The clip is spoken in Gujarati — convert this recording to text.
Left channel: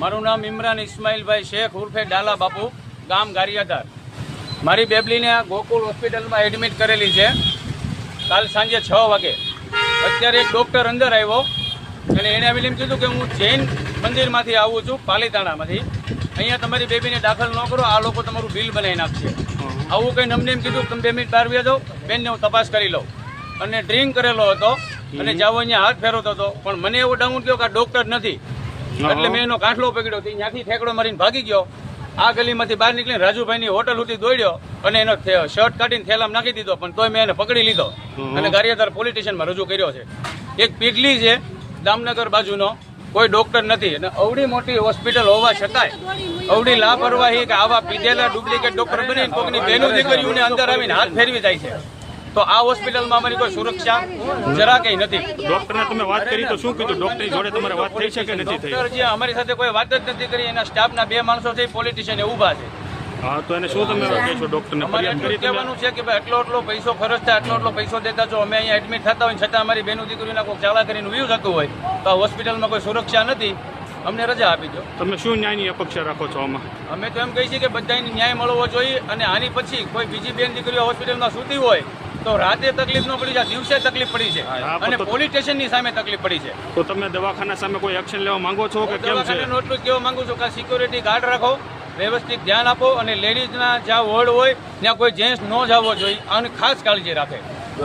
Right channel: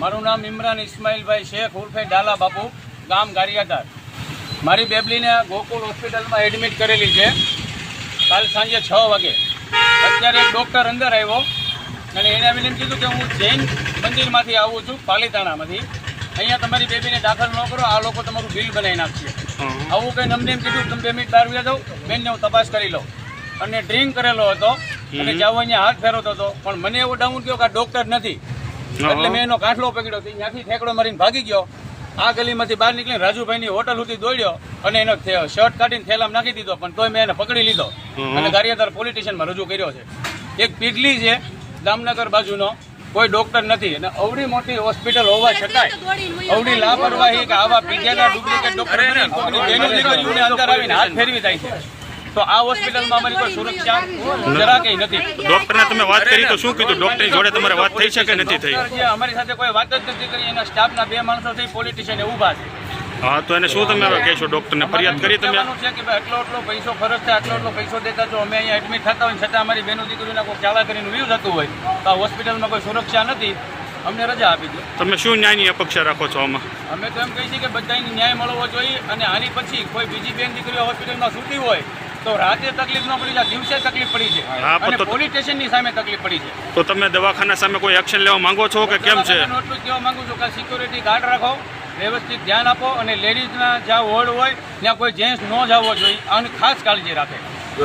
મારું નામ ઇમરાન ઇસ્માઇલભાઈ શેખ ઉર્ફે ડાલા બાપુ, ગામ ગારિયાધાર. મારી બેબલીને ગોકુળ હોસ્પિટલમાં એડમિટ કરેલી છે કાલ સાંજે 6 વાગે. અત્યારે એક ડૉક્ટર અંદર આવ્યો અને એને આવીને એમ કીધું કે હું જૈન મંદિરમાંથી આવું છું, પાલીતાણામાંથી. અહીંયા તમારી બેબીને દાખલ ન કરો, આ લોકો તમારું બિલ બનાવી નાખશે. આવું કંઈ અમને એમ કીધું તમે 2 મિનિટ બહાર વ્યા જાઓ, બેનને હું તપાસ કરી લઉં. અને ડ્રિંક કરેલો હતો અને જાવ અહીંયા હાથ ફેરવતો હતો, પણ મને એવો ડાઉટ થયો કે આ ડૉક્ટર નથી. એટલે મેં એનો કાંઠલો પકડ્યો, ત્યાંથી ઠેકડો મારીને ભાગી ગયો. આ ગલીમાંથી બહાર નીકળીને રાજુભાઈની હોટલ સુધી દોડ્યો અને એનો શર્ટ કાઢીને થેલામાં નાખી દીધો, પણ તોય મેં એને પકડી લીધો અને ગારિયાધાર પોલીસ સ્ટેશનમાં રજૂ કર્યો છે. એક પીગલી છે જામનગર બાજુનો, કોઈ ડોક્ટર નથી અને અવડી મોટી હોસ્પિટલ હોવા છતાંય અવડી લાપરવાહી કે આવા પીધેલા ડુપ્લિકેટ ડોક્ટર બની કોઈની બેનો દીકરીઓને અંદર આવીને હાથ ફેરવી જાય છે. તો આ હોસ્પિટલમાં અમારી કોઈ સુરક્ષા જરા કંઈ નથી. ડોક્ટરને તમે વાત કરી તો શું કીધું? ડોક્ટરની જોડે તમારે વાત થઈ છે કે નથી થઈ? જે અમારી સાથે કોઈ વાત જ નથી કરી. એના સ્ટાફના 2 માણસો થઈ પોલિટિશિયન ઊભા છે. હા, તો એને શું તમે કહેશો? ડોક્ટરને ફરિયાદ કરી તમે? છે કે ભાઈ આટલો પૈસો ખર્ચ થાય, આટલો પૈસો દેતા જો અમે અહીંયા એડમિટ થતા હોય છતાં અમારી બેનો દીકરીઓને કોઈ ચાલા કરીને વ્યૂ થતું હોય તો આ હોસ્પિટલમાં કોઈ સુરક્ષા નથી, અમને રજા આપી દો. તમે શું ન્યાયની અપેક્ષા રાખો છો આમાં? અમે તો એમ કહીએ છીએ કે બધાને ન્યાય મળવો જોઈએ અને આની પછી કોઈ બીજી બેન દીકરીઓ હોસ્પિટલમાં સૂતી હોય તો રાતે તકલીફ ન પડી જાય, દિવસે તકલીફ પડી છે અને પોલીસ સ્ટેશનની સામે તકલીફ પડી છે. તો તમે દવાખાના સામે કોઈ એક્શન લેવા માંગો છો કે કેમ છે? હું એટલું જ કહેવા માંગુ છું કે સિક્યોરિટી ગાર્ડ રાખો, વ્યવસ્થિત ધ્યાન આપો અને લેડીઝના જ્યાં વોર્ડ હોય ત્યાં કોઈ જેન્ટ્સ ન જવો જોઈએ, આની ખાસ કાળજી રાખે.